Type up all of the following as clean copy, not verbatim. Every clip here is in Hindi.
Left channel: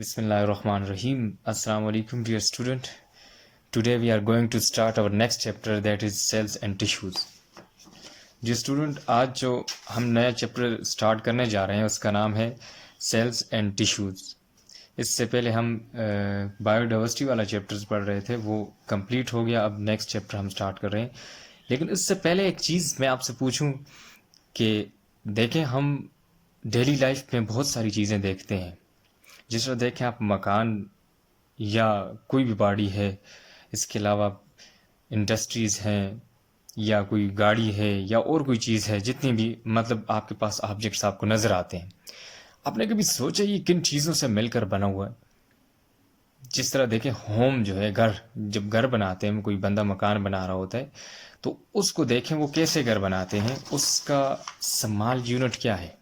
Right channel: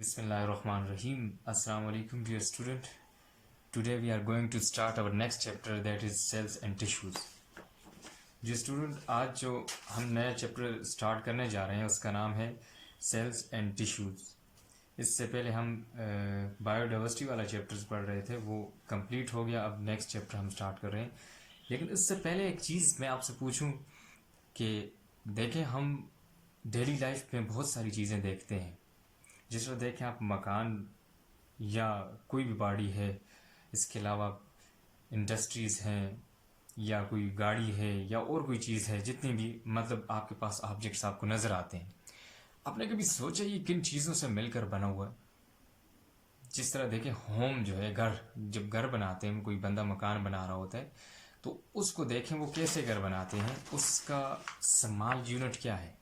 Bismillahirrahmanirrahim. Assalamu alaikum dear student. Today we are going to start our next chapter, that is cells and tissues. जी स्टूडेंट, आज जो हम नया चैप्टर स्टार्ट करने जा रहे हैं उसका नाम है सेल्स एंड टिश्यूज़। इससे पहले हम बायोडाइवर्सिटी वाला चैप्टर्स पढ़ रहे थे, वो कंप्लीट हो गया। अब नेक्स्ट चैप्टर हम स्टार्ट कर रहे हैं। लेकिन इससे पहले एक चीज़ मैं आपसे पूछूं कि देखें, हम डेली लाइफ में बहुत सारी चीज़ें देखते हैं। जिस तरह देखें आप, मकान या कोई भी बाड़ी है, इसके अलावा इंडस्ट्रीज़ हैं या कोई गाड़ी है या और कोई चीज़ है, जितनी भी मतलब आपके पास ऑब्जेक्ट्स आपको नज़र आते हैं, आपने कभी सोचा ये किन चीज़ों से मिलकर बना हुआ है? जिस तरह देखें, होम जो है, घर, जब घर बनाते हैं, कोई बंदा मकान बना रहा होता है तो उसको देखें वो कैसे घर बनाते हैं, उसका स्मॉल यूनिट क्या है।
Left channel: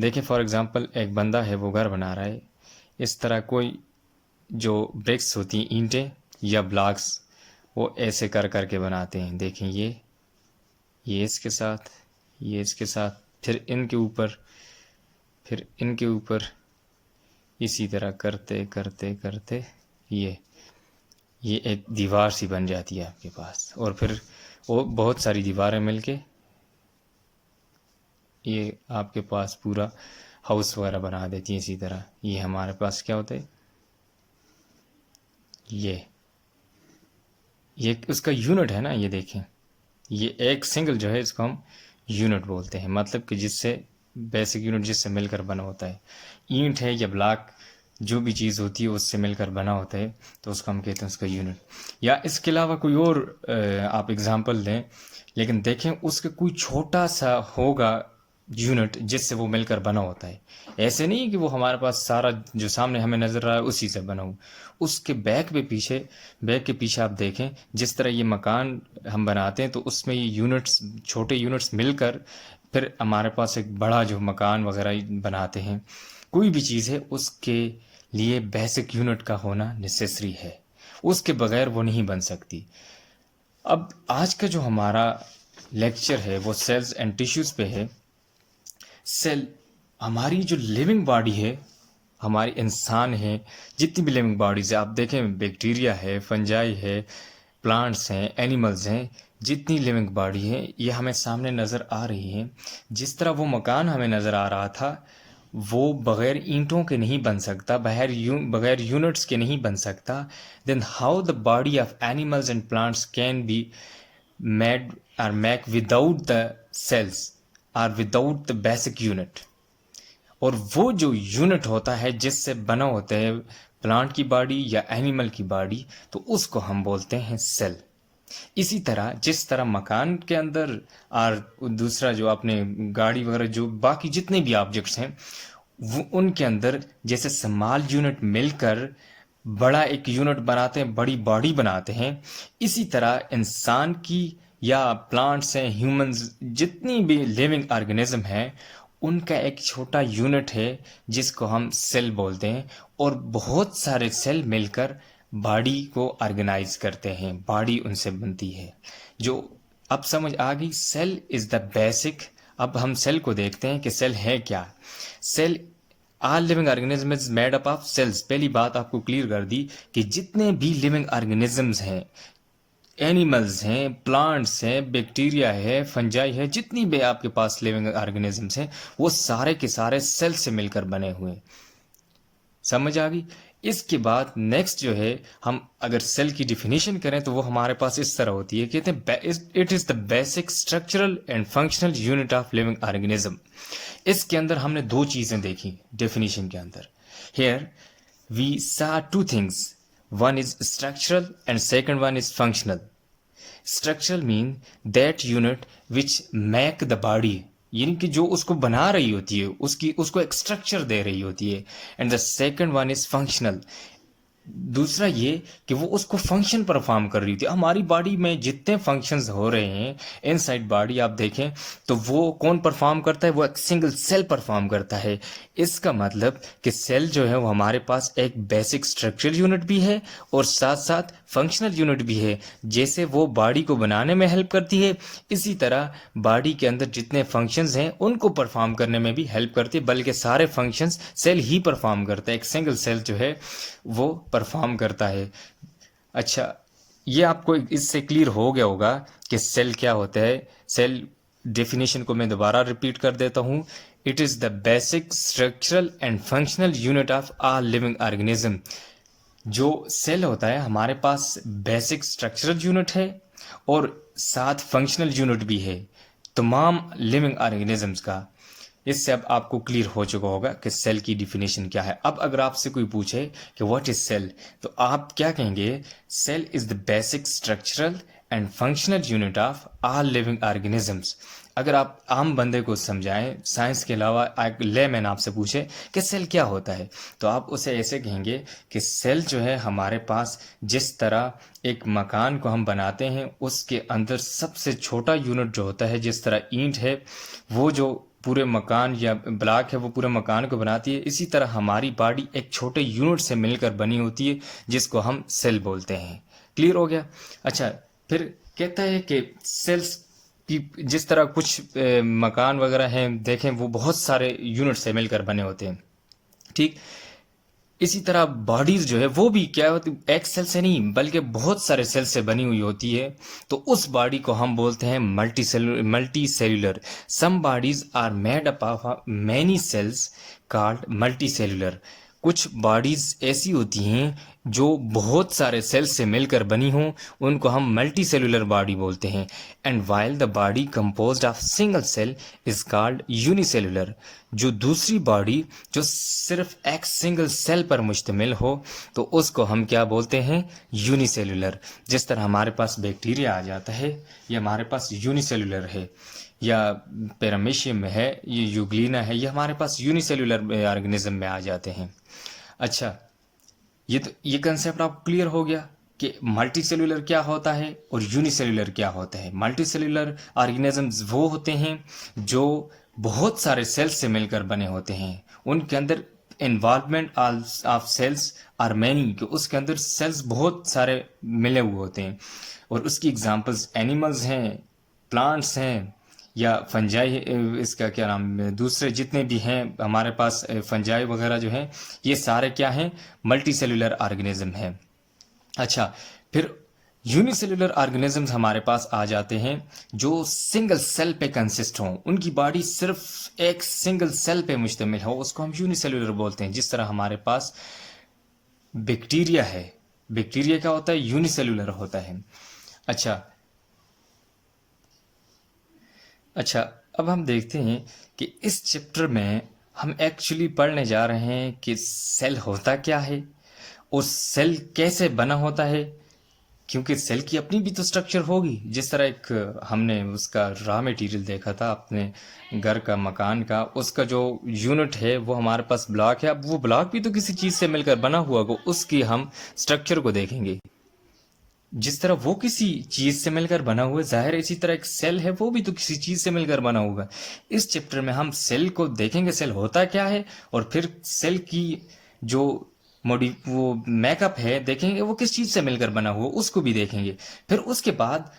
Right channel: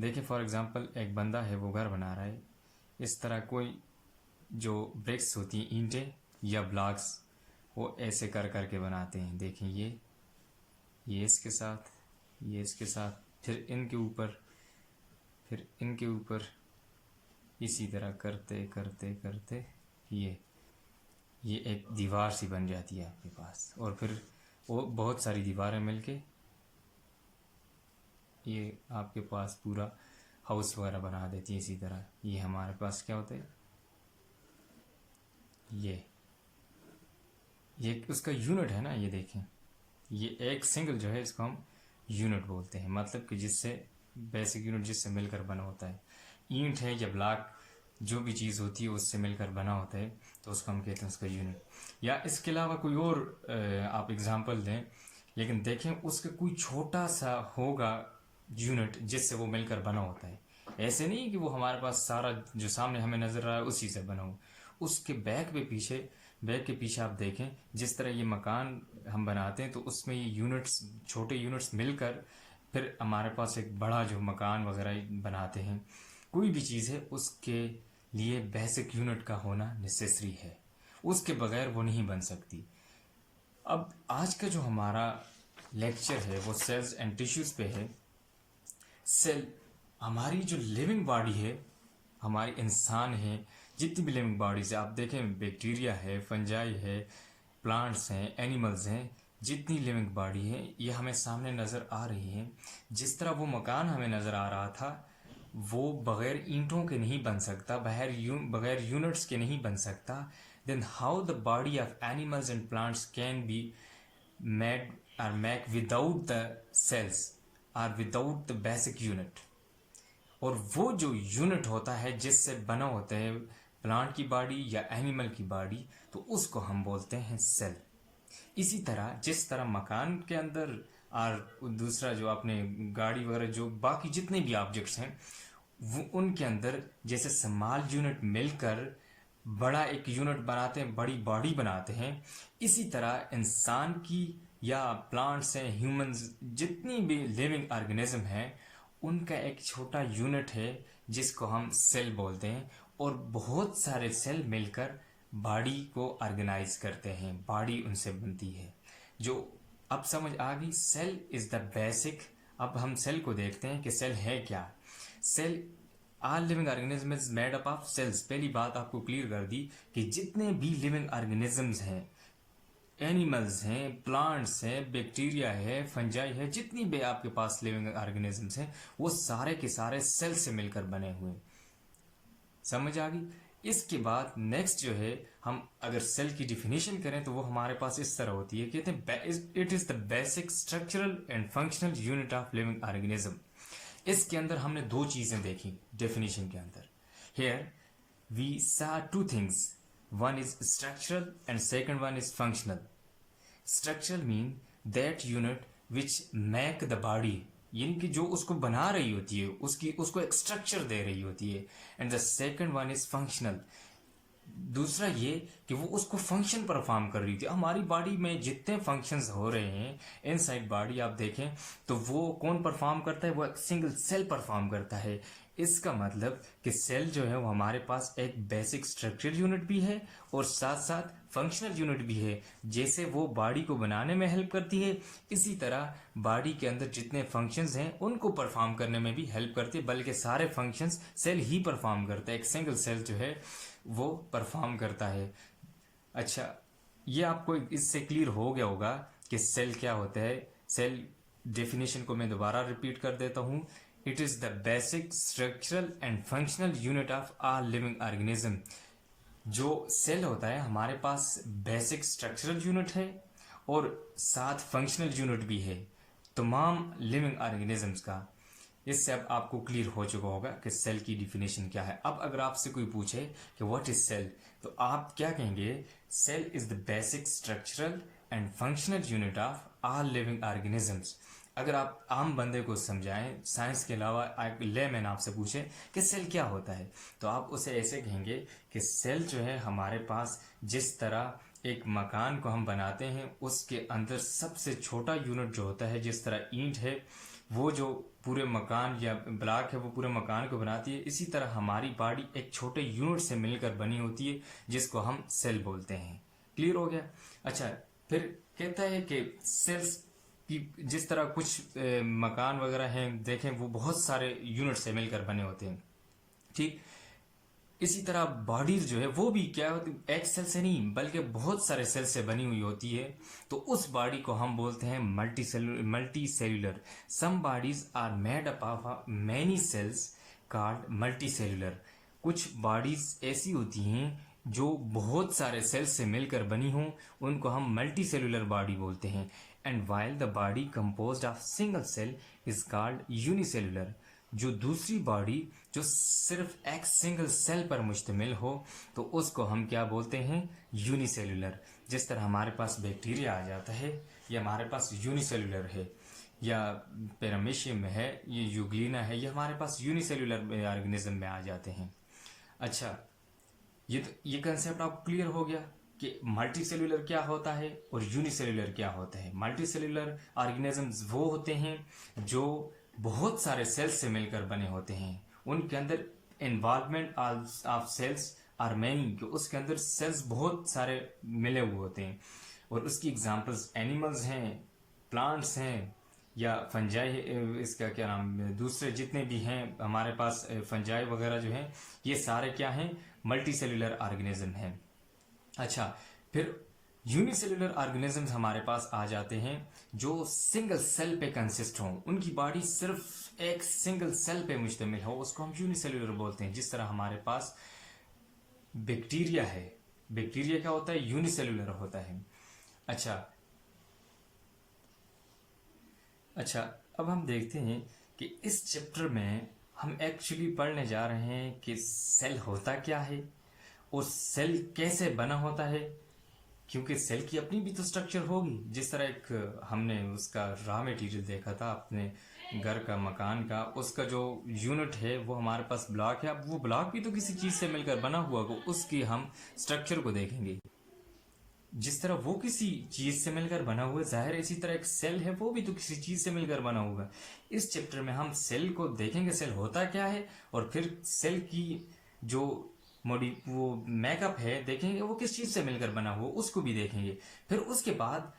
देखें फॉर एग्ज़ाम्पल, एक बंदा है वो घर बना रहा है, इस तरह कोई जो ब्रिक्स होती हैं, ईंटें या ब्लॉक्स, वो ऐसे कर कर के बनाते हैं। देखें ये इसके साथ, ये इसके साथ, फिर इनके ऊपर, फिर इनके ऊपर, इसी तरह करते करते करते ये एक दीवार सी बन जाती है आपके पास। और फिर वो बहुत सारी दीवारें मिलके ये आपके पास पूरा हाउस वगैरह बना देती हैं। इसी तरह ये हमारे पास क्या होता है, ये उसका यूनिट है ना। ये देखें, ये एक सिंगल जो है, इसको हम यूनिट बोलते हैं। मतलब कि जिससे बेसिक यूनिट जिससे मिलकर बना होता है, ईंट है या ब्लॉक, जो भी चीज़ होती है उससे मिलकर बना होता है, तो उसको हम कहते हैं उसका यूनिट। या इसके अलावा कोई और आप एग्ज़ाम्पल दें, लेकिन देखें उसका कोई छोटा सा होगा यूनिट जिससे वो मिलकर बना होता है। ऐसे नहीं कि वो हमारे पास सारा जो सामने हमें नज़र आ रहा है उसी से बना हो। उसके बैक के पीछे आप देखें, जिस तरह ये मकान हम बनाते हैं तो उसमें ये यूनिट्स, छोटे यूनिट्स मिलकर फिर हमारे पास एक बड़ा जो मकान वगैरह बनाते हैं। कोई भी चीज़ है उसके लिए बेसिक यूनिट का होना नेसेसरी है, उसके बगैर वो नहीं बन सकती। अब आज का जो हमारा लेक्चर है वो सेल्स एंड टिश्यूज़ पे है। सेल हमारी जो लिविंग बॉडी है, हमारी इंसान है, जितनी भी लिविंग बॉडीज है, आप देखें बैक्टीरिया है, फंजाई है, प्लांट्स हैं, एनिमल्स हैं, जितनी लिविंग बॉडी है ये हमें सामने नज़र आ रही है। जिस तरह वो मकान हमें नज़र आ रहा था, वो बग़ैर ईंटों के नहीं बन सकता, बग़ैर यूनिट्स के नहीं बन सकता। Then how the body of animals and plants can be made और मेक विदाउट द सेल्स और विदाउट द बेसिक यूनिट। और वो जो यूनिट होता है जिससे बना होता है प्लांट की बॉडी या एनिमल की बॉडी, तो उसको हम बोलते हैं सेल। इसी तरह जिस तरह मकान के अंदर और दूसरा जो अपने गाड़ी वगैरह, जो बाकी जितने भी ऑब्जेक्ट्स हैं, वो उनके अंदर जैसे स्मॉल यूनिट मिलकर बड़ा एक यूनिट बनाते हैं, बड़ी बॉडी बनाते हैं, इसी तरह इंसान की या प्लांट्स हैं, ह्यूमंस, जितनी भी लिविंग ऑर्गेनिज्म हैं, उनका एक छोटा यूनिट है जिसको हम सेल बोलते हैं। और बहुत सारे सेल मिलकर बॉडी को ऑर्गेनाइज करते हैं, बॉडी उनसे बनती है। जो अब समझ आ गई, सेल इज़ द बेसिक। अब हम सेल को देखते हैं कि सेल है क्या। Cell, all living organism is made up of cells. पहली बात आपको क्लियर कर दी कि जितने भी लिविंग ऑर्गेनिजम्स हैं, एनिमल्स हैं, प्लांट्स हैं, बैक्टीरिया है, फंजाई है, जितनी भी आपके पास लिविंग ऑर्गेनिजम्स हैं, वो सारे के सारे सेल से मिलकर बने हुए हैं। समझ आ गई। इसके बाद नेक्स्ट जो है, हम अगर सेल की डिफिनीशन करें तो वो हमारे पास इस तरह होती है, कहते हैं it is the basic structural and functional unit of living organism. इसके अंदर हमने दो चीज़ें देखी डेफिनेशन के अंदर। Here we saw two things, one is structural and second one is functional. Structural mean that unit which make the body, यानी कि जो उसको बना रही होती है, उसको एक स्ट्रक्चर दे रही होती है। And the second one is functional, दूसरा ये कि वो उसको फंक्शन परफॉर्म कर रही थी। हमारी बॉडी में जितने फंक्शंस हो रहे हैं इनसाइड बॉडी आप देखें तो वो कौन परफॉर्म करता है, वो एक सिंगल सेल परफॉर्म करता है। इसका मतलब कि सेल जो है वो हमारे पास एक बेसिक स्ट्रक्चरल यूनिट भी है और साथ साथ फंक्शनल यूनिट भी है। जैसे वो बॉडी को बनाने में हेल्प करती है, इसी तरह बॉडी के अंदर जितने फंक्शंस हैं उनको परफॉर्म करने में भी हेल्प करती है, बल्कि सारे फंक्शंस सेल ही परफॉर्म करता है, एक सिंगल सेल जो है वो परफॉर्म करता है। अच्छा, ये आपको इससे क्लियर हो गया होगा कि सेल क्या होता है। सेल डेफिनेशन को मैं दोबारा रिपीट कर देता हूँ। It is the basic structural and functional unit of ah living organism. जो सेल होता है हमारे पास बेसिक स्ट्रक्चरल यूनिट है और साथ फंक्शनल यूनिट भी है तमाम लिविंग ऑर्गेनिजम्स का। इससे अब आपको क्लियर हो चुका होगा कि सेल की डिफिनेशन क्या है। अब अगर आपसे कोई पूछे कि व्हाट इज सेल, तो आप क्या कहेंगे? Cell is the basic structural and functional unit of all living organisms. अगर आप आम बंदे को समझाएं, साइंस के अलावा एक लेमैन आपसे पूछे कि सेल क्या होता है, तो आप उसे ऐसे कहेंगे कि सेल जो है हमारे पास जिस तरह एक मकान को हम बनाते हैं उसके अंदर सबसे छोटा यूनिट जो होता है, जिस तरह ईंट है वो जो पूरे मकान या ब्लॉक है वो पूरे मकान को बनाती है, इसी तरह हमारी बॉडी एक छोटे यूनिट से मिलकर बनी होती है जिसको हम सेल बोलते हैं। क्लियर हो गया? अच्छा, फिर कहता है कि सेल्स की जिस तरह कुछ मकान वगैरह हैं देखें वो बहुत सारे यूनिट से मिलकर बने होते हैं, ठीक इसी तरह बॉडीज जो है वो भी क्या होती, एक सेल से नहीं बल्कि बहुत सारे सेल से बनी हुई होती है। तो उस बॉडी को हम बोलते हैं multicellular. Some bodies are made up of many cells called multicellular. कुछ बॉडीज ऐसी होती हैं जो बहुत सारे सेल्स से मिलकर बनी हों, उनको हम मल्टी सेल्यूलर बॉडी बोलते हैं। And while the body composed of single cell is called unicellular. जो दूसरी बॉडी जो सिर्फ एक सिंगल सेल पर मुश्तमिल हो तो उसको हम क्या बोलते हैं? यूनिसेल्यूलर। जिस तरह हमारे पास बैक्टीरिया आ जाता है ये हमारे पास यूनिसेल्यूलर है, या पैरामीशियम में है, ये यूग्लिना है, ये हमारे पास यूनिसेल्यूलर ऑर्गेनिज्म में आ जाते हैं। अच्छा, ये कंसेप्ट आपको क्लियर हो गया कि मल्टी सेल्यूलर क्या होता है और यूनिसेल्यूलर क्या होता है। मल्टी सेल्यूलर ऑर्गेनिजम्स वो होते हैं जो बहुत सारे सेल्स से मिलकर बने होते हैं, उनके अंदर involvement of cells are many, कि उसके अंदर सेल्स बहुत सारे मिले हुए होते हैं। और उसकी एग्जांपल्स एनिमल्स हैं, प्लांट्स हैं, या फंजाई, इसका क्या नाम, दूसरे जितने भी हैं हमारे पास फंजाई वगैरह जो हैं, ये सारे क्या हैं? मल्टी सेल्यूलर ऑर्गेनिज्म हैं। अच्छा, फिर यूनिसेल्यूलर ऑर्गेनिजम्स हमारे पास आ जाते हैं जो सिंगल सेल पे कंसिस्ट हों, उनकी बॉडी सिर्फ एक सिंगल सेल पे मुश्तमिल हो, उसको हम यूनिसेल्यूलर बोलते हैं। जिस तरह हमारे पास बैक्टीरिया है, बैक्टीरिया क्या होता है? यूनिसेल्यूलर होता है। अच्छा अच्छा, अब हम देखते हैं कि इस चैप्टर में हम एक्चुअली पढ़ने जा रहे हैं कि सेल होता क्या है और सेल कैसे बना होता है। क्योंकि सेल की अपनी भी तो स्ट्रक्चर होगी। जिस तरह एक हमने उसका रॉ मटेरियल देखा था अपने घर का, मकान का, उसका जो यूनिट है वो हमारे पास ब्लॉक है। अब वो ब्लॉक भी तो किसी चीज़ से मिलकर बना हुआ होगा, उसकी हम स्ट्रक्चर को देखेंगे। जिस तरह वो किसी चीज से मिलकर बना हुआ है, जाहिर है इसी तरह एक सेल है वो भी तो किसी चीज से मिलकर बना हुआ है। इस चैप्टर में हम सेल को देखेंगे, सेल होता क्या है, और फिर सेल की जो वो मेकअप है देखेंगे वो किस चीज से मिलकर बना हुआ उसको भी देखेंगे। फिर उसके बाद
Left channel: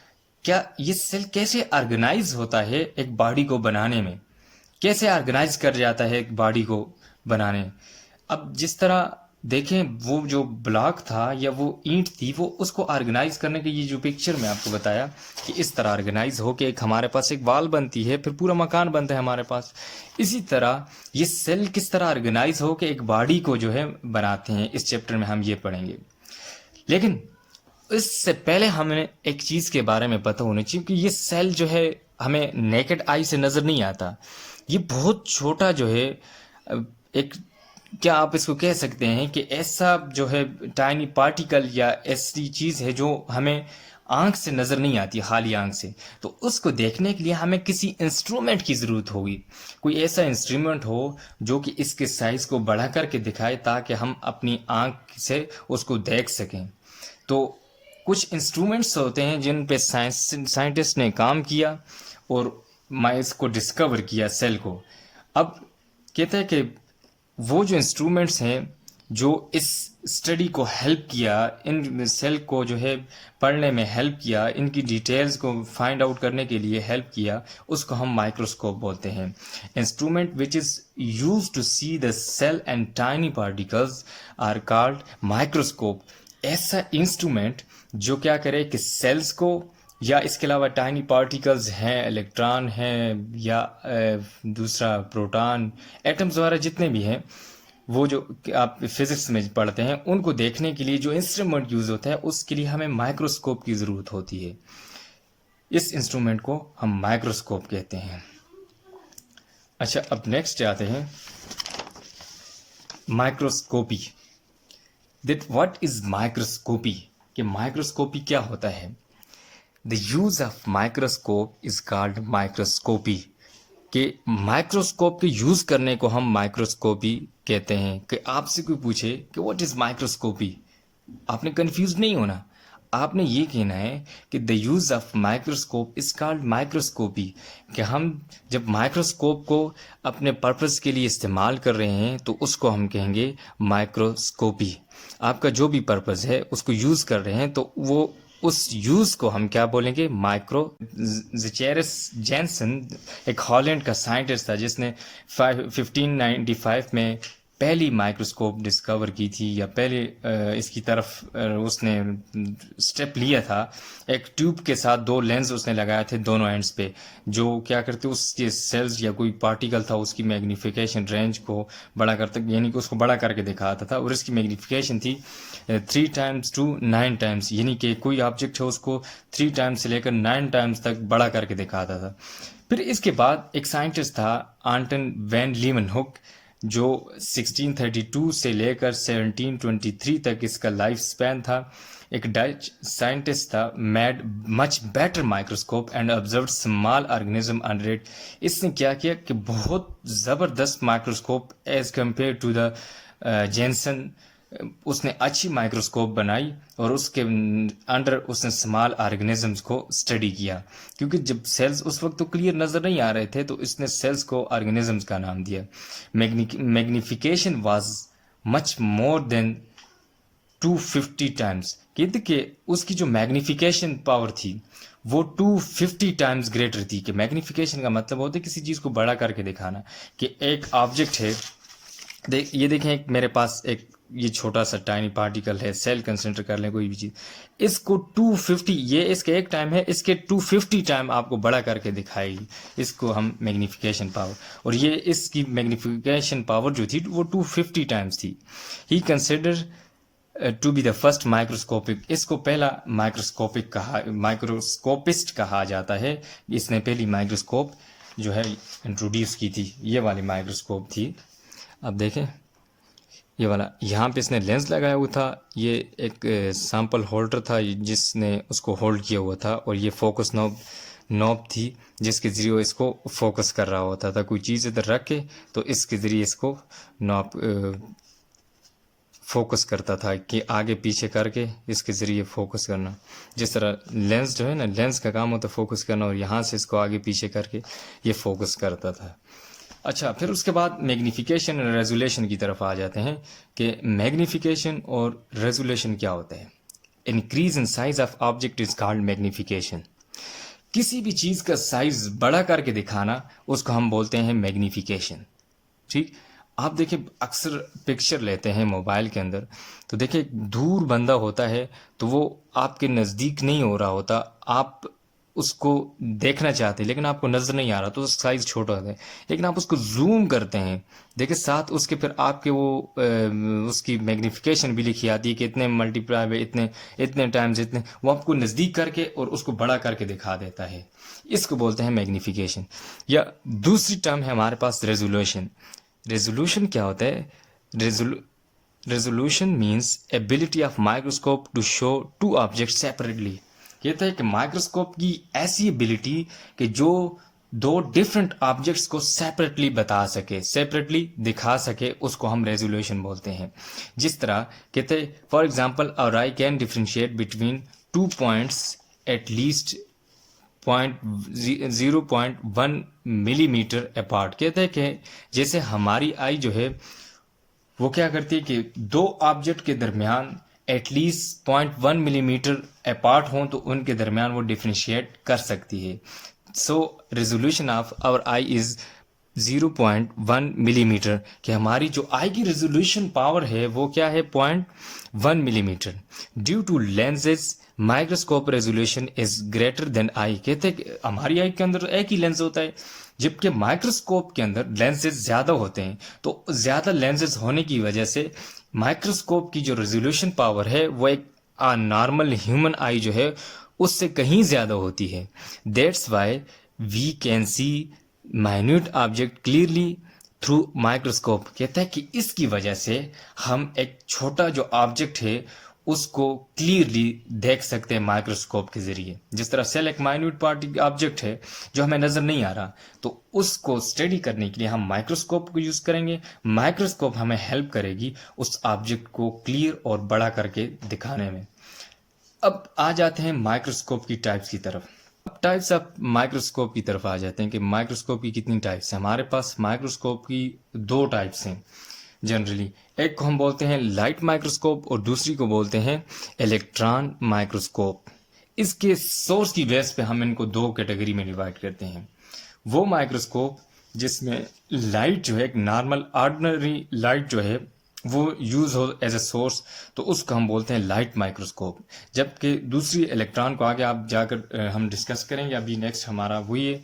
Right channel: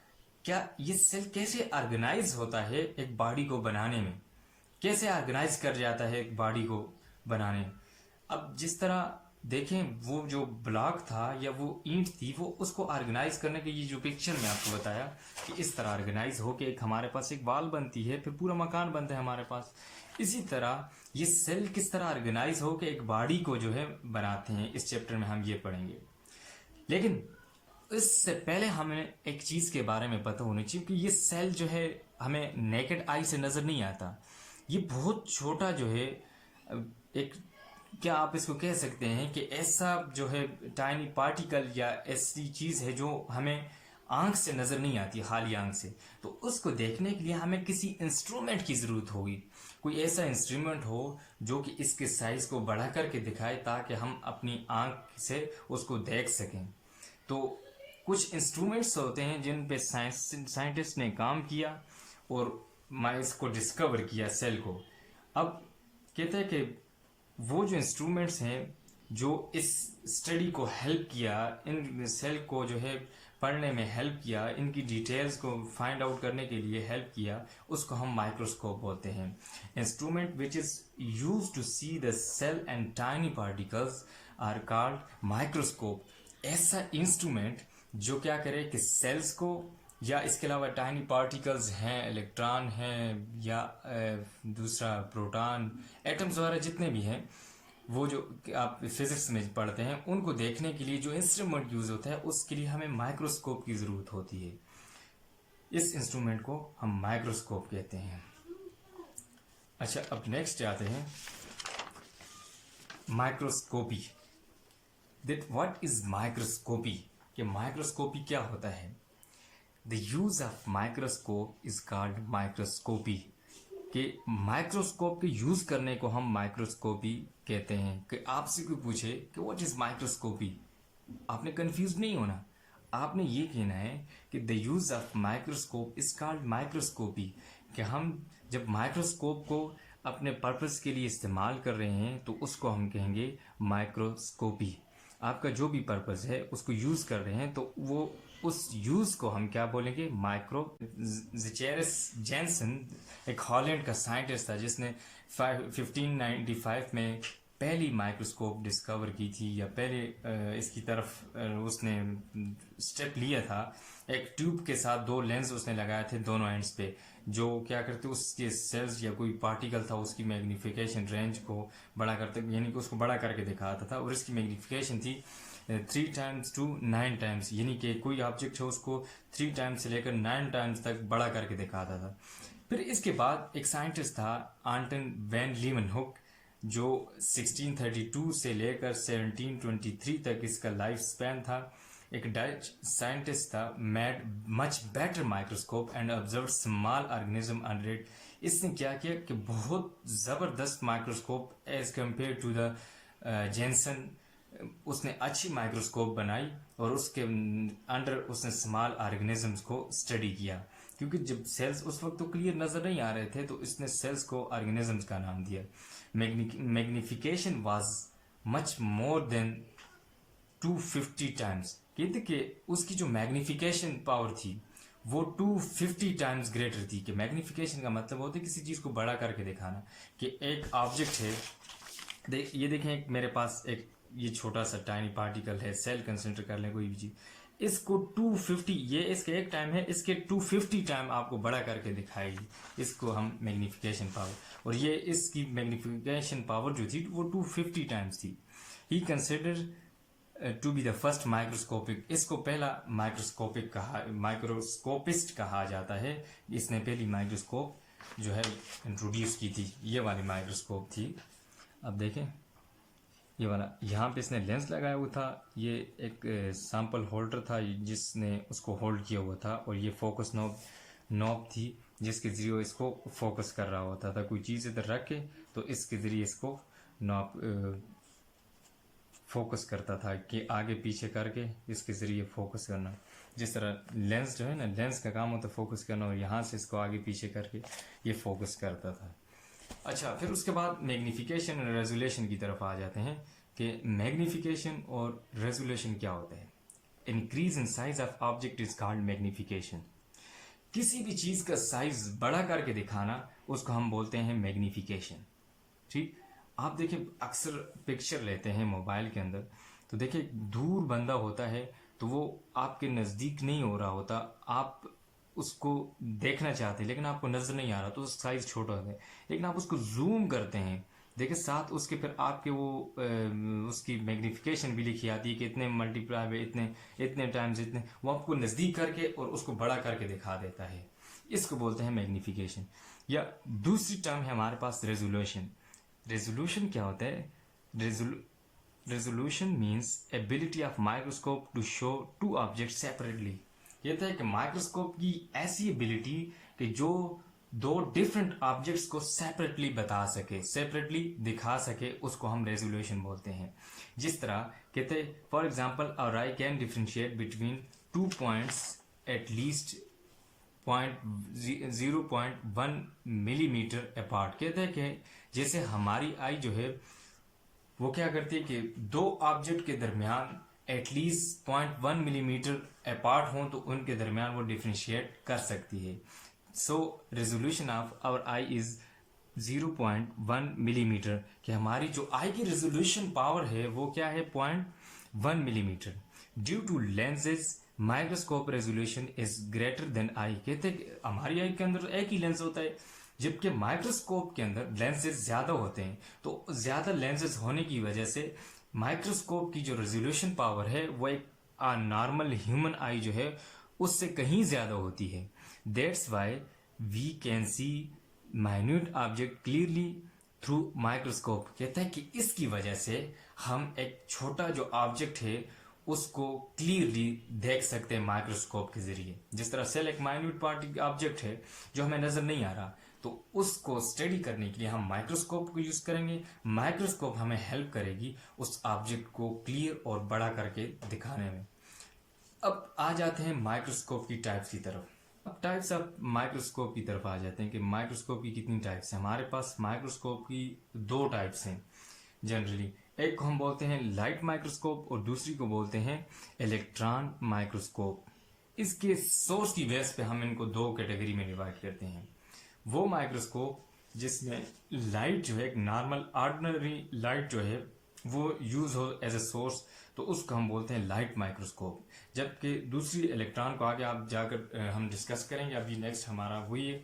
क्या ये सेल कैसे ऑर्गेनाइज होता है एक बॉडी को बनाने में, कैसे ऑर्गेनाइज कर जाता है एक बॉडी को बनाने। अब जिस तरह देखें वो जो ब्लॉक था या वो ईंट थी, वो उसको ऑर्गेनाइज करने के, ये जो पिक्चर में आपको बताया कि इस तरह ऑर्गेनाइज हो के एक हमारे पास एक वाल बनती है, फिर पूरा मकान बनता है हमारे पास। इसी तरह ये सेल किस तरह ऑर्गेनाइज हो के एक बॉडी को जो है बनाते हैं, इस चैप्टर में हम ये पढ़ेंगे। लेकिन इससे पहले हमें एक चीज़ के बारे में पता होना चाहिए कि ये सेल जो है हमें नेकेड आई से नज़र नहीं आता। ये बहुत छोटा जो है एक, क्या आप इसको कह सकते हैं कि ऐसा जो है टाइनी पार्टिकल या ऐसी चीज़ है जो हमें आंख से नज़र नहीं आती, खाली आंख से। तो उसको देखने के लिए हमें किसी इंस्ट्रूमेंट की ज़रूरत होगी, कोई ऐसा इंस्ट्रूमेंट हो जो कि इसके साइज़ को बढ़ा करके दिखाए ताकि हम अपनी आंख से उसको देख सकें। तो कुछ इंस्ट्रूमेंट्स होते हैं जिन पे साइंटिस्ट ने काम किया और माइस को डिस्कवर किया, सेल को। अब कहते हैं कि वो जो इंस्ट्रूमेंट्स हैं जो इस स्टडी को हेल्प किया, इन सेल को जो है पढ़ने में हेल्प किया, इनकी डिटेल्स को फाइंड आउट करने के लिए हेल्प किया, उसको हम माइक्रोस्कोप बोलते हैं। Instrument which is use to see the cell and tiny particles are called microscope. ऐसा इंस्ट्रूमेंट जो क्या करे कि सेल्स को या इसके अलावा टाइनी पार्टिकल्स हैं, इलेक्ट्रॉन हैं या दूसरा प्रोटॉन, एटम्स वगैरह जितने भी हैं, वो जो आप फिजिक्स में पढ़ते हैं, उनको देखने के लिए जो इंस्ट्रूमेंट यूज़ होता है उसके लिए हमें माइक्रोस्कोप की ज़रूरत होती है। इस इंस्ट्रूमेंट को हम माइक्रोस्कोप कहते हैं। अच्छा, अब नेक्स्ट आते हैं microscopy. That what is microscopy, कि माइक्रोस्कोपी क्या होता है। The use of microscope is called microscopy, कि माइक्रोस्कोप के यूज करने को हम माइक्रोस्कोपी कहते हैं। कि आपसे कोई पूछे कि व्हाट इज माइक्रोस्कोपी, आपने कंफ्यूज नहीं होना, आपने ये कहना है कि the use of microscope is called microscopy, कि हम जब माइक्रोस्कोप को अपने पर्पस के लिए इस्तेमाल कर रहे हैं तो उसको हम कहेंगे माइक्रोस्कोपी। आपका जो भी पर्पस है उसको यूज कर रहे हैं तो वो उस यूज को हम क्या बोलेंगे, माइक्रो। ज़ेचेरस जेनसन एक हॉलैंड का साइंटिस्ट था जिसने 1595 में पहली माइक्रोस्कोप डिस्कवर की थी, या पहले इसकी तरफ उसने स्टेप लिया था। एक ट्यूब के साथ दो लेंस उसने लगाए थे दोनों एंड्स पे, जो क्या करते उसके सेल्स या कोई पार्टिकल था उसकी मैग्नीफिकेशन रेंज को बड़ा करते, यानी कि उसको बड़ा करके दिखाता था। और इसकी मैग्नीफिकेशन थी 3 टाइम्स टू 9 टाइम्स, यानी कि कोई ऑब्जेक्ट है उसको 3 टाइम्स से लेकर 9 टाइम्स तक बड़ा करके दिखाता था। फिर इसके बाद एक साइंटिस्ट था आंटन वैन लीमनहुक, जो 1632 से लेकर 1723 तक इसका लाइफ स्पैन था। एक डच साइंटिस्ट था, made much better microscope and observe small organism under it. इसने क्या किया कि बहुत ज़बरदस्त microscope as compare to the Janssen, उसने अच्छी माइक्रोस्कोप बनाई और उसके अंडर उसने स्मॉल ऑर्गेनिजम्स को स्टडी किया। क्योंकि जब सेल्स उस वक्त तो क्लियर नज़र नहीं आ रहे थे तो इसने सेल्स को ऑर्गेनिजम्स का नाम दिया। Magnification was much more than 250 times, कहते कि उसकी जो मैग्निफिकेशन पावर थी वो 250 टाइम्स ग्रेटर थी। कि मैग्निफिकेशन का मतलब होता है किसी चीज़ को बड़ा करके दिखाना। कि एक ऑब्जेक्ट है, ये देखें, एक मेरे पास एक ये छोटा सा टाइनी पार्टिकल है, सेल कंसिडर कर लें कोई भी चीज़, इसको 250, ये इसका एक टाइम है, इसके 250 टाइम आपको बड़ा करके दिखाएगी। इसको हम मैग्नीफिकेशन पावर, और ये इसकी मैग्नीफिकेशन पावर जो थी वो 250 टाइम्स थी। He consider to be the first microscopic, इसको पहला माइक्रोस्कोपिस्ट कहा जाता है। इसने पहली माइक्रोस्कोप जो है इंट्रोड्यूस की थी, ये वाली माइक्रोस्कोप थी। अब देखें ये वाला, यहाँ पे इसने लेंस लगाया हुआ था, ये एक सैंपल होल्डर था जिसने उसको होल्ड किया हुआ था, और ये फोकस नॉब थी जिसके ज़रिए इसको फोकस कर रहा होता था। कोई चीज़ इधर रख के तो इसके ज़रिए इसको नॉब फोकस करता था, कि आगे पीछे करके इसके ज़रिए फोकस करना। जिस तरह लेंस जो है ना, लेंस का काम होता है फोकस करना, और यहाँ से इसको आगे पीछे करके ये फोकस करता था। अच्छा, फिर उसके बाद मैग्नीफिकेशन और रेजोल्यूशन की तरफ आ जाते हैं कि मैग्नीफिकेशन और रेजोल्यूशन क्या होता है। Increase in size of object is called magnification. किसी भी चीज़ का साइज बड़ा करके दिखाना उसको हम बोलते हैं मैग्नीफिकेशन। ठीक, आप देखिए अक्सर पिक्चर लेते हैं मोबाइल के अंदर, तो देखिए दूर बंदा होता है तो वो आपके नज़दीक नहीं हो रहा होता, आप उसको देखना चाहते हैं लेकिन आपको नज़र नहीं आ रहा, तो साइज़ छोटा होता है। लेकिन आप उसको जूम करते हैं, देखिए साथ उसके फिर आपके वो उसकी मैग्नीफिकेशन भी लिखी आती है कि इतने मल्टीप्लाई में इतने इतने टाइम्स इतने, वो आपको नज़दीक करके और उसको बड़ा करके दिखा देता है। इसको बोलते हैं मैग्नीफिकेशन। या दूसरी टर्म है हमारे पास रेजोल्यूशन। रेजोल्यूशन क्या होता है? Resolution means ability of microscope to show two object separately, कहता है कि माइक्रोस्कोप की ऐसी एबिलिटी कि जो दो डिफरेंट ऑब्जेक्ट्स को सेपरेटली बता सके, सेपरेटली दिखा सके, उसको हम रेजोल्यूशन बोलते हैं। जिस तरह कहते हैं for example our eye can differentiate between 2 points at least 0.1 millimetre apart. कहते हैं कि जैसे हमारी आई जो है वो क्या करती है कि दो ऑब्जेक्ट के दरमियान एटलीस्ट 0.1 मिलीमीटर अपार्ट हों तो उनके दरमियान वो डिफ्रेंशिएट कर सकती है। So resolution of our eye is 0.1 millimetre, कि हमारी जो आई की रेजोल्यूशन पावर है वो क्या है 0.1 millimetre. Due to lenses microscope resolution is greater than eye. कहते हैं कि हमारी आई के अंदर एक ही लेंस होता है, जबकि माइक्रोस्कोप के अंदर लेंसेज ज़्यादा होते हैं। तो ज़्यादा लेंसेज होने की वजह से माइक्रोस्कोप की जो रेजोल्यूशन पावर है वो एक नॉर्मल ह्यूमन आई जो है उससे कहीं ज़्यादा होती है। That's why we can see minute object clearly through microscope. कहता है कि इसकी वजह से हम एक छोटा जो ऑब्जेक्ट है उसको क्लियरली देख सकते हैं माइक्रोस्कोप के जरिए। जिस तरह सेल एक माइन्यूट पार्ट ऑब्जेक्ट है जो हमें नजर नहीं आ रहा, तो उसको स्टडी करने के लिए हम माइक्रोस्कोप को यूज करेंगे। माइक्रोस्कोप हमें हेल्प करेगी उस ऑब्जेक्ट को क्लियर और बड़ा करके दिखाने में। अब आ जाते हैं माइक्रोस्कोप की टाइप्स की तरफ। अब टाइप्स ऑफ माइक्रोस्कोप की तरफ आ जाते हैं कि माइक्रोस्कोप की कितनी टाइप्स हैं। हमारे पास माइक्रोस्कोप की दो टाइप्स हैं जनरली। एक को हम बोलते हैं लाइट माइक्रोस्कोप और दूसरी को बोलते हैं इलेक्ट्रॉन माइक्रोस्कोप। इसके सोर्स की बेस पे हम इनको दो कैटेगरी में डिवाइड करते हैं। वो माइक्रोस्कोप जिसमें लाइट जो है एक नॉर्मल ऑर्डिनरी लाइट जो है वो यूज हो एज ए सोर्स, तो उसको हम बोलते हैं लाइट माइक्रोस्कोप। जबकि दूसरी इलेक्ट्रॉन को आगे आप जाकर हम डिस्कस करेंगे। अभी नेक्स्ट हमारा वही है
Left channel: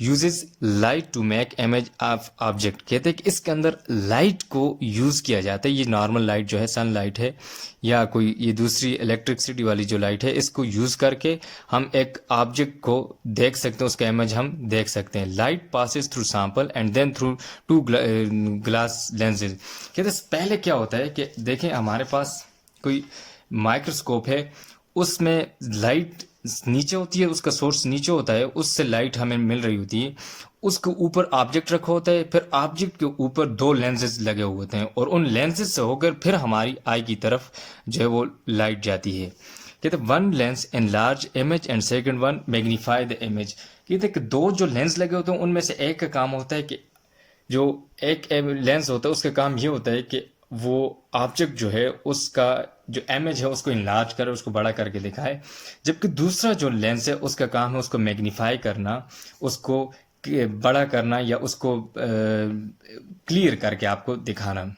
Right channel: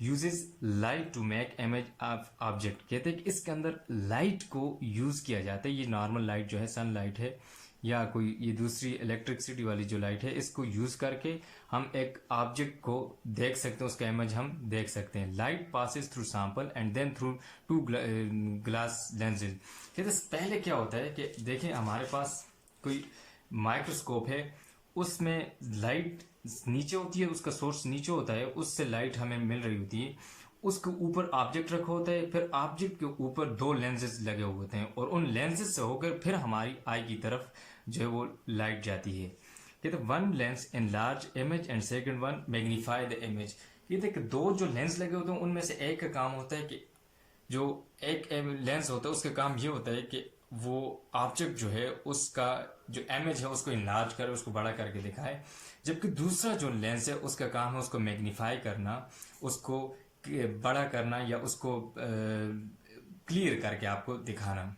uses light to make image of object. कहते हैं कि इसके अंदर लाइट को यूज किया जाता है। ये नॉर्मल लाइट जो है सन लाइट है या कोई ये दूसरी इलेक्ट्रिसिटी वाली जो लाइट है, इसको यूज करके हम एक ऑब्जेक्ट को देख सकते हैं, उसका इमेज हम देख सकते हैं। Light passes through sample and then through two glass lenses. कहते हैं पहले क्या होता है कि देखें हमारे पास कोई माइक्रोस्कोप है, उसमें लाइट नीचे होती है, उसका सोर्स नीचे होता है, उससे लाइट हमें मिल रही होती है। उसके ऊपर ऑब्जेक्ट रखा होता है, फिर ऑब्जेक्ट के ऊपर दो लेंसेज लगे हुए होते हैं और उन लेंसेज से होकर फिर हमारी आई की तरफ जो है वो लाइट जाती है। कहते हैं one lens in large image and second one magnify the image. कहते हैं कि दो जो लेंस लगे होते हैं उनमें से एक का काम होता है कि जो एक लेंस होता है उसका काम ये होता है कि वो ऑब्जेक्ट जो है उसका जो इमेज है उसको इनलार्ज करे, उसको बड़ा करके दिखाए। जबकि दूसरा जो लेंस है उसका काम है उसको मैग्नीफाई करना, उसको बड़ा करना या उसको क्लियर करके आपको दिखाना।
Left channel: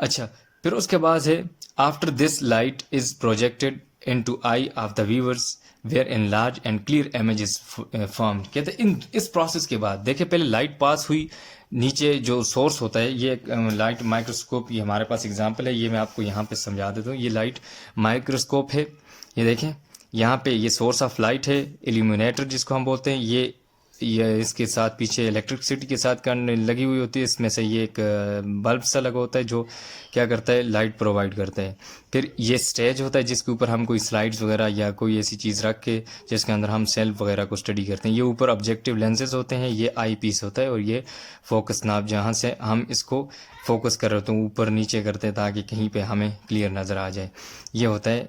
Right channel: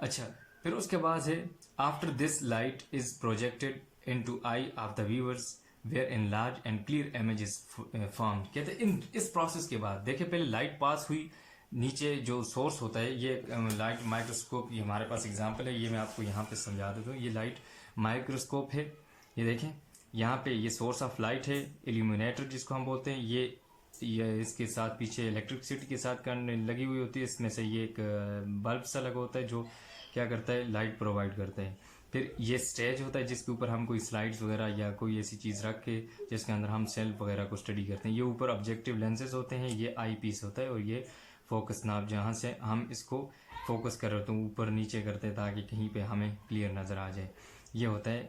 अच्छा, फिर उसके बाद है after this light is projected into eye of the viewers where in large and clear image is formed. कहते हैं इन इस प्रोसेस के बाद देखिए पहले लाइट पास हुई, नीचे जो सोर्स होता है ये लाइट माइक्रोस्कोप, ये हमारे पास एग्जांपल है, ये मैं आपको यहाँ पे समझा देता हूँ। ये लाइट माइक्रोस्कोप है, ये देखें यहाँ पे ये सोर्स ऑफ लाइट है, इल्यूमिनेटर जिसको हम बोलते हैं। ये इसके साथ पीछे इलेक्ट्रिसिटी के साथ करंट लगी हुई होती है, इसमें से ये एक बल्ब सा लगा होता है जो क्या करता है लाइट प्रोवाइड करता है। फिर ये स्टेज होता है जिसके ऊपर हम कोई स्लाइड्स वगैरह या कोई ऐसी चीज़ रख के जिसके अंदर हम सेल्फ वगैरह को स्टडी करते हैं। ये ऊपर ऑब्जेक्टिव लेंसेज होते हैं, ये आई पीस होता है और ये फोकस नाब जहाँ से हम इसको फोकस कर रहे होते हैं ऊपर नीचे करते हैं ताकि कहीं पे हमें क्लियर नज़र आ जाए। ये होता है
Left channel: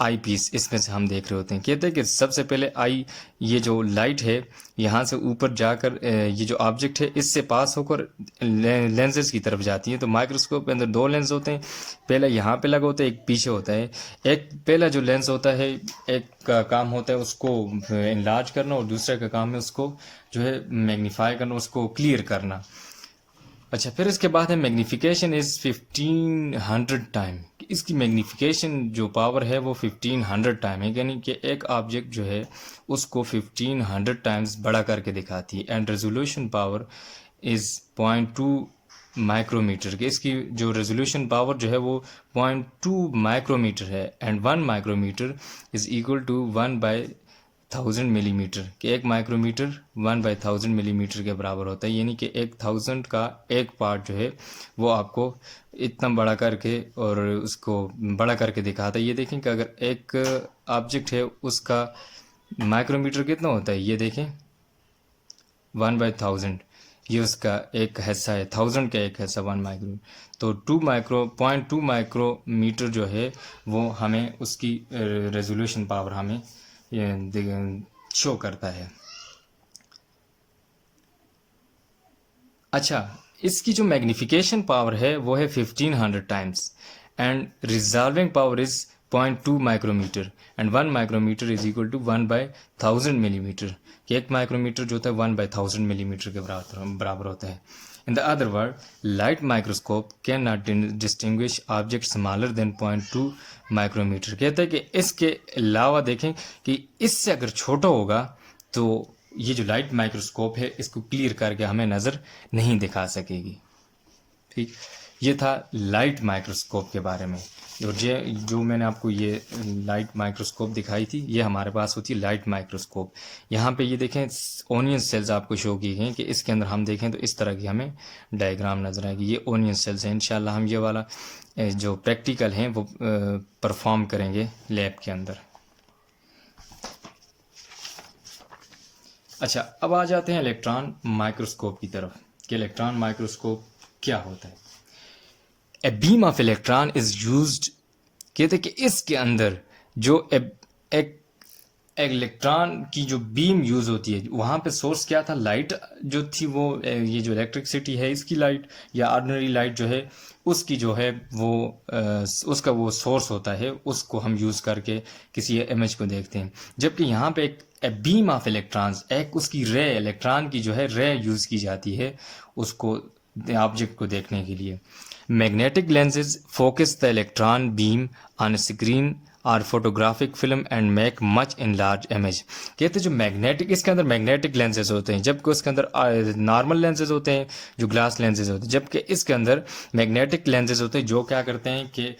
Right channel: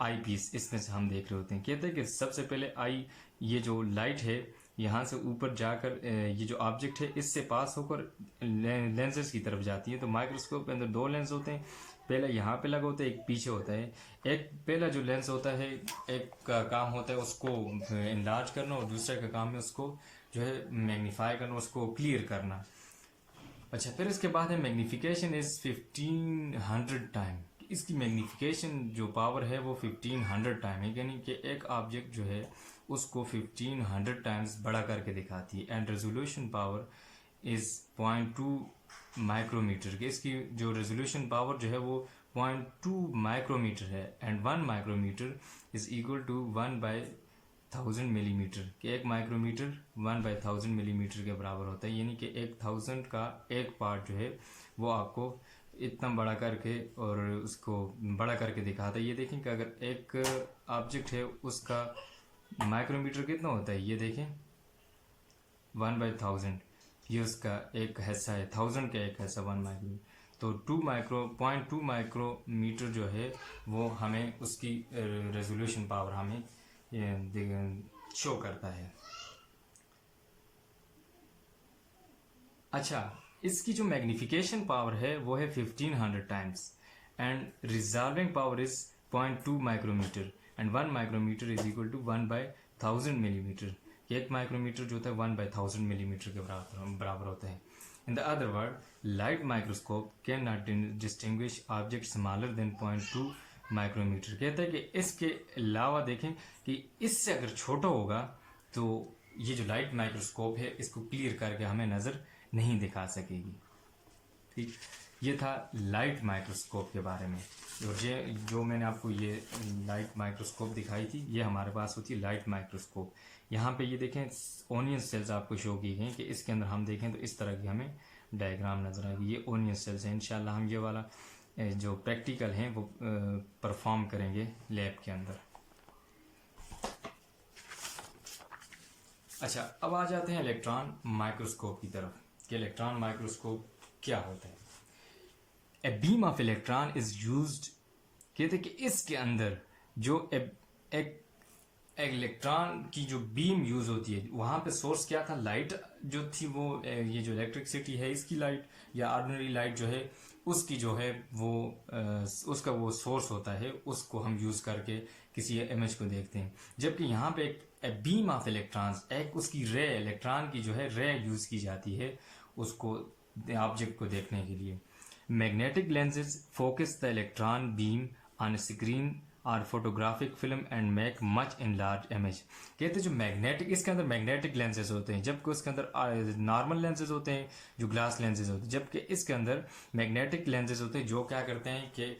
आई पीस, इसमें से हम देख रहे होते हैं। कहते हैं कि सबसे पहले आई ये जो लाइट है यहाँ से ऊपर जाकर ये जो ऑब्जेक्ट है इससे पास होकर लेंसेज की तरफ जाती है। तो माइक्रोस्कोप के अंदर दो लेंस होते हैं, पहला यहाँ पे लगा होता है, एक पीछे होता है। एक पहला जो लेंस होता है एक का काम होता है उसको इनलार्ज करना और दूसरे का काम है उसको जो है मैग्नीफाई करना, उसको क्लियर करना। अच्छा, फिर इसके बाद है मैग्नीफिकेशन इज़ 1500 टाइम। इसकी मैग्नीफिकेशन जो पावर है वो 1500 टाइम है, यानी कि एक ऑब्जेक्ट जो है उसको 1500 टाइम्स बड़ा करके दिखाती है। And resolution power is 0.2 micrometre की। इसकी जो रेजोल्यूशन पावर जो है वो 0.2 माइक्रोमीटर है। And 1 micrometre is equal to 1/1000 millimetre, कि 1 माइक्रोमीटर 1/1000 मिलीमीटर के बराबर होता है। यानी कि 1000 का एक पार्ट जो है वो आपको इतना बड़ा करके और उसको बड़ा करके दिखाता है। ये देखें कि अगर एक ऑब्जेक्ट है उसका माइक्रोमीटर कितना होता है, ये देखें 1/1000, ये उसका एक हिस्सा है, 1000 का एक हिस्सा 1 माइक्रो। तो 2 माइक्रोमीटर जो है वो हमें उसकी रेजोल्यूशन पावर हमें शो करता है। अच्छा, इसकी जो मैग्निफिकेशन पावर है वो है 1500 times and resolving power is 0.2 micrometre and 1 micrometre is equal to 1/1000 millimetre, कि 1 माइक्रोमीटर जो होता है 1/1000 मिलीमीटर के बराबर होता है। In the other word, light microscope can not distinguish object smaller than 0.2 micrometre. कहते हैं कि इसके अलावा देखें कि इससे अगर छोटा होगा तो ये जो लाइट माइक्रोस्कोप है इसको क्लियर करके हमें नज़र नहीं दिखा सकेगी। ठीक, ये था लाइट माइक्रोस्कोप के बारे में। और जो मैंने आपको ये लाइट माइक्रोस्कोप दिखाई थी, ये हमारे पास होती है लाइट माइक्रोस्कोप। यहाँ पे ये देखें ओनियन सेल्स आपको शो की गई कि इसके अंदर हम देखें तो इस तरह की हमें डायग्राम नज़र आएगी। ये ओनियन सेल्स हैं। इंशाल्लाह हम ये वाला जो प्रैक्टिकल हैं वो परफॉर्म करेंगे लैब के अंदर। अच्छा, अब आ जाते हैं इलेक्ट्रॉन माइक्रोस्कोप की तरफ कि इलेक्ट्रॉन माइक्रोस्कोप क्या होता है। A beam of electron is used, कहते हैं कि इसके अंदर जो एक इलेक्ट्रॉन की जो बीम यूज़ होती है, वहाँ पे सोर्स क्या था, लाइट जो थी वो ये जो इलेक्ट्रिसिटी है इसकी लाइट या ऑर्डिनरी लाइट जो है उसकी जो है वो उसका वो सोर्स होता है, उसको हम यूज़ करके किसी इमेज को देखते हैं। जबकि यहाँ पे एक बीम ऑफ इलेक्ट्रॉन्स, एक उसकी रे, इलेक्ट्रॉन की जो है रे यूज़ की जाती है उसको ऑब्जेक्ट को देखने के लिए। Magnetic lenses focus the electron beam on screen और photographic film and make much in large image. कहते हैं जो मैग्नेटिक, इसके अंदर मैग्नेटिक लेंसेज होते हैं, जबकि उसके अंदर नॉर्मल लेंसेज होते हैं जो ग्लास लेंसेज होते हैं, जबकि इसके अंदर मैग्नेटिक लेंसेज होते हैं जो क्या करते हैं कि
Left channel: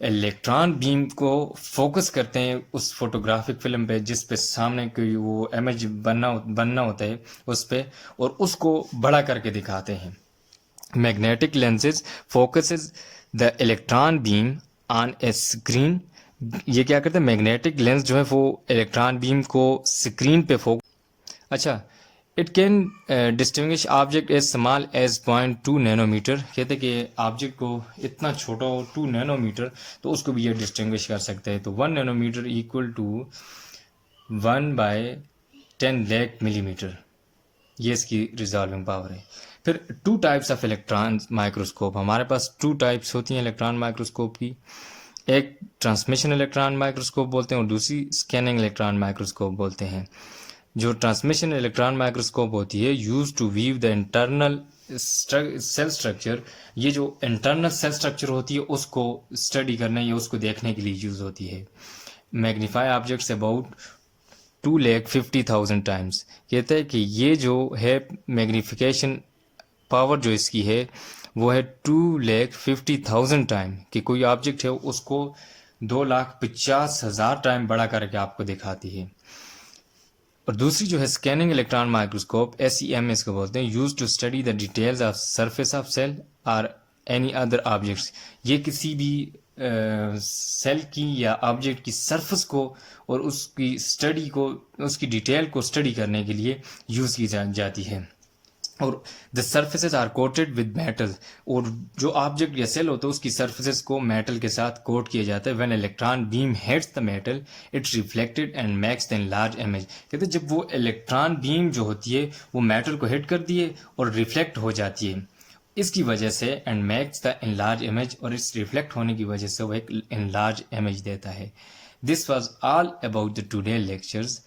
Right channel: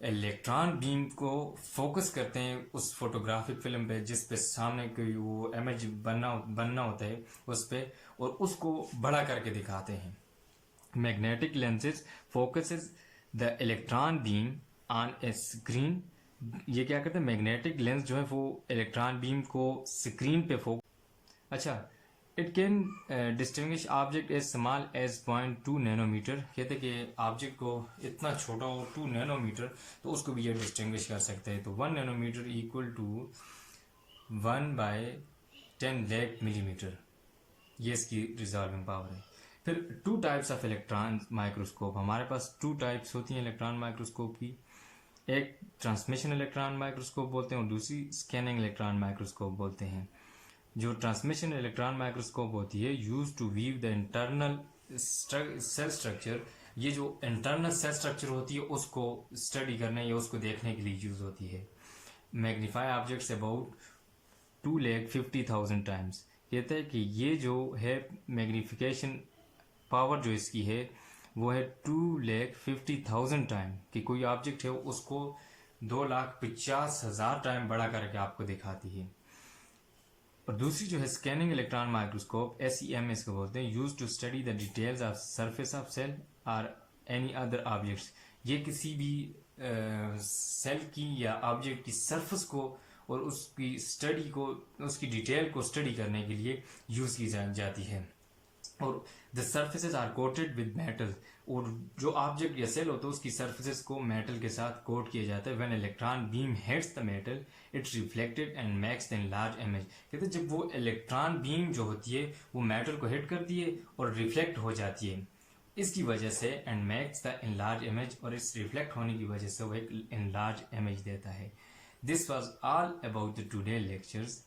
इलेक्ट्रॉन बीम को फोकस करते हैं उस फोटोग्राफिक फिल्म पे जिस पे सामने कोई वो इमेज बनना होता है उस पे, और उसको बड़ा करके दिखाते हैं। Magnetic lenses focuses the electron beam on A screen. ये क्या करते हैं, मैग्नेटिक लेंस जो है वो इलेक्ट्रॉन बीम को स्क्रीन पे अच्छा, it can distinguish object as small as 0.2 nanometre. कहते हैं कि ऑब्जेक्ट को इतना छोटा हो 2 नैनोमीटर तो उसको भी ये डिस्टिंग्विश कर सकते हैं। तो 1 nanometre equal to 1/10 lakh millimetre, ये इसकी रिजॉल्विंग पावर है। फिर 2 टाइप्स ऑफ इलेक्ट्रॉन माइक्रोस्कोप, हमारे पास 2 टाइप्स होती हैं इलेक्ट्रॉन माइक्रोस्कोप की। एक ट्रांसमिशन इलेक्ट्रॉन माइक्रोस्कोप बोलते हैं और दूसरी स्कैनिंग इलेक्ट्रॉन माइक्रोस्कोप बोलते हैं। जो ट्रांसमिशन इलेक्ट्रॉन माइक्रोस्कोप होती है use to view the internal cell structure, ये जो इंटरनल सेल स्ट्रक्चर होती है उसको स्टडी करने या उसको देखने के लिए यूज होती है। Magnify objects about 2,50,000 times. कहते हैं कि ये जो है मैग्नीफिकेशन पावर जो इसकी है वो है 2,50,000 टाइम, कि कोई ऑब्जेक्ट है उसको 2,50,000 टाइम बड़ा करके आपको दिखाती है। और दूसरी जो है स्कैनिंग इलेक्ट्रॉन माइक्रोस्कोप, SEM इसको बोलते हैं, use to study the details of surface of cell और एनी अदर ऑब्जेक्ट्स। ये किसी भी सेल की या ऑब्जेक्ट की सरफेस को और उसकी स्टडी को, उसकी डिटेल को स्टडी करने के लिए यूज़ की जाती है। और the surfaces are coated with metal, और जो ऑब्जेक्ट या सेल होता है उसकी सर्फेसेज को मेटल के साथ कोट किया जाता है। When electron beam hits the metal it reflected and makes the large image. कहते हैं जब वो इलेक्ट्रॉन बीम जो होती है वो मेटल को हिट करती है और रिफ्लेक्ट हो जाती है, इसकी वजह से and makes the enlarge image, और इस रिफ्लेक्ट होने की वजह से वो एक इनलार्ज इमेज देता है। This was all about the today lectures.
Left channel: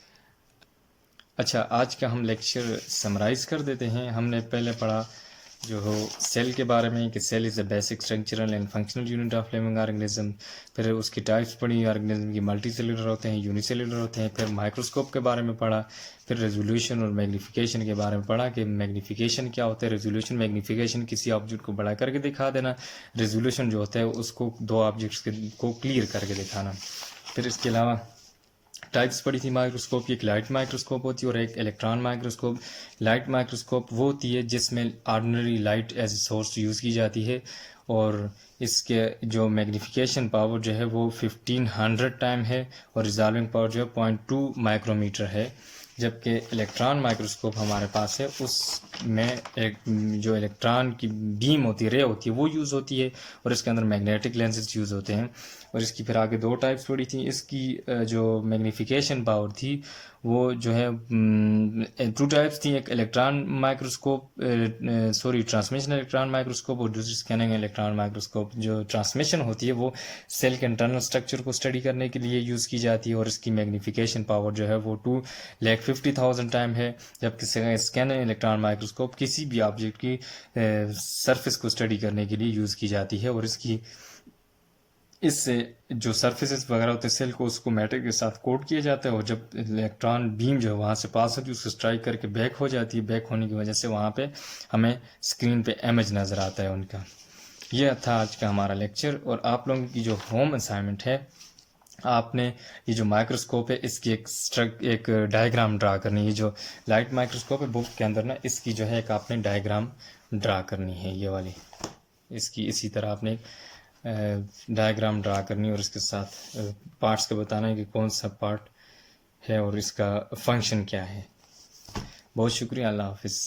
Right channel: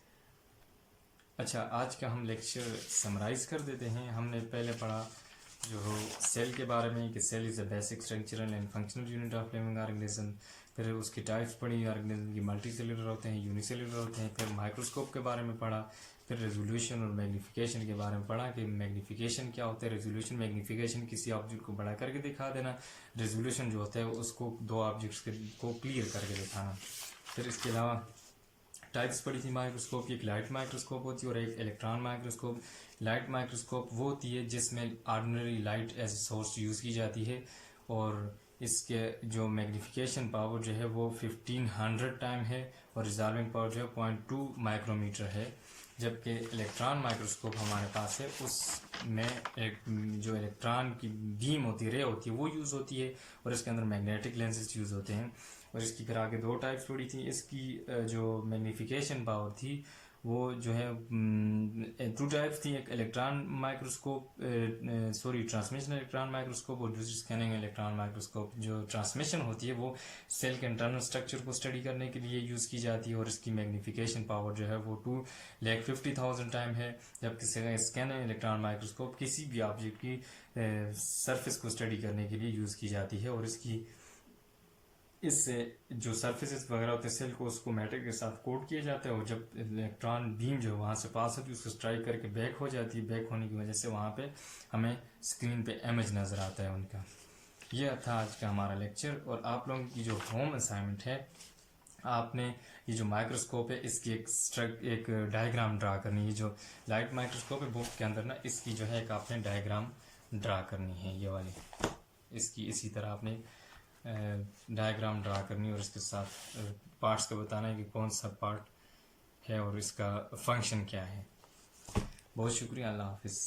अच्छा, आज का हम लेक्चर समराइज़ कर देते हैं। हमने पहले पढ़ा जो हो सेल के बारे में कि cell is a basic structural and functional unit of living organism. फिर उसकी टाइप्स पढ़ी, ऑर्गेनिज्म की मल्टी सेलुलर होते हैं, यूनिसेलुलर होते हैं। फिर माइक्रोस्कोप के बारे में पढ़ा। फिर रेजोल्यूशन और मैग्नीफिकेशन के बारे में पढ़ा कि मैग्नीफिकेशन क्या होता है। रेजोल्यूशन, मैग्नीफिकेशन किसी ऑब्जेक्ट को बड़ा करके दिखा देना। रेजोल्यूशन जो होता है उसको 2 ऑब्जेक्ट्स को क्लियर करके दिखाना। फिर इसके अलावा टाइप्स पढ़ी थी माइक्रोस्कोप की, एक लाइट माइक्रोस्कोप होती है और एक इलेक्ट्रॉन माइक्रोस्कोप। लाइट माइक्रोस्कोप वो होती है जिसमें ordinary light as a source use की जाती है, और इसके जो मैग्नीफिकेशन पावर जो है वो 1500 टाइम है और रिजॉल्विंग पावर जो है 0.2 माइक्रोमीटर है। जबकि इलेक्ट्रॉन माइक्रोस्कोप हमारे पास है, उसमें एक जो इलेक्ट्रॉन की बीम होती है, रे होती है, वो यूज़ होती है और इसके अंदर मैग्नेटिक लेंसेज यूज़ होते हैं। और इसकी फिर आगे दो टाइप्स पड़ी थी। इसकी जो मैग्नीफिकेशन पावर थी वो जो है टू टाइप्स थी, एक electron microscope, sorry transmission electron microscope, और दूसरी स्कैनिंग इलेक्ट्रॉन माइक्रोस्कोप। जो ट्रांसमिशन होती है वो सेल के इंटरनल स्ट्रक्चर को स्टडी करने के लिए यूज़ की जाती है और इसकी मैग्नीफिकेशन पावर जो है वो 2,50,000 टाइम है। जबकि स्कैनिंग इलेक्ट्रॉन माइक्रोस्कोप किसी भी ऑब्जेक्ट की सरफेस को स्टडी करने के लिए यूज़ की जाती है और इससे जो सरफेसेस वगैरह होते हैं सेल को, उसको मैटर के साथ कोट किया जाता है और जब इलेक्ट्रॉन बीम जो है वहाँ से पास होती है उसको स्ट्राइक करके बैक हो जाती है। बैक होने की वजह से वहाँ पे हमें स्क्रीन पे इमेज नज़र आता है उनका। यह था आज का हमारा लेक्चर। और आप लोगों की जो होम असाइनमेंट है, आपने ये जो माइक्रोस्कोप है इसकी एक डायग्राम ड्रा करनी है। जो लाइट माइक्रोस्कोप है बुक के अंदर ना, इसकी जो है एक आपने डायग्राम ड्रा करनी है, ये वाली। इसकी इसी तरह आपने डायग्राम ड्रा करनी है और इसके साथ पार्ट्स को बताना है कि कौन सा पार्ट है और इसका फंक्शन क्या है। बहुत शुक्रिया, अल्लाह हाफिज़।